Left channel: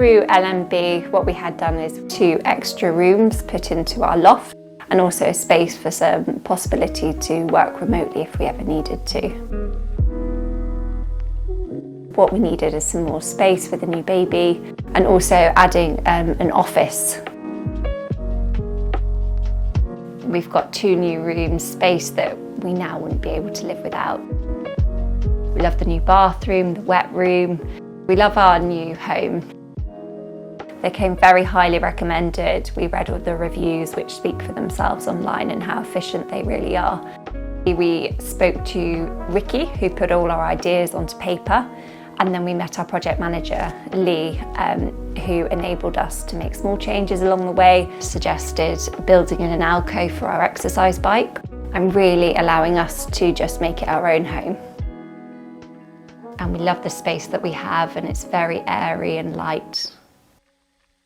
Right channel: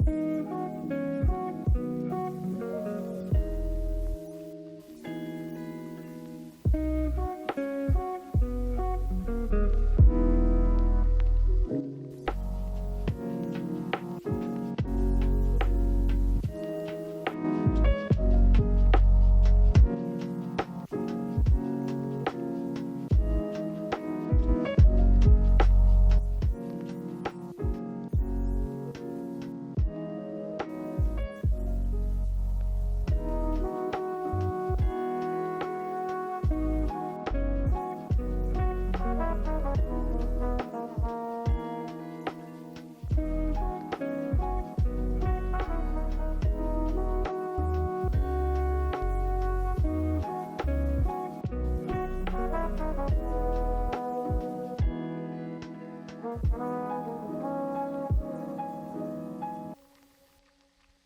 Through LMB, what we had done is 2 extra rooms put into our loft, and also a space for some possibility to work remotely if we ever needed to. What we needed is some more space with a new baby, and also adding an office. We've got 2 new rooms, space that we now wouldn't be able to live without. We love the new bathroom, the wet room. We love our new home. They came very highly recommended. We read all the reviews which speak for themselves online and how efficient they really are. We spoke to Ricky, who put all our ideas onto paper, and then we met our project manager, Lee, who enabled us to make small changes along the way, suggested building in an alcove for our exercise bike, and really allowing us to just make it our own home. And we love the space that we have, and it's very airy and light.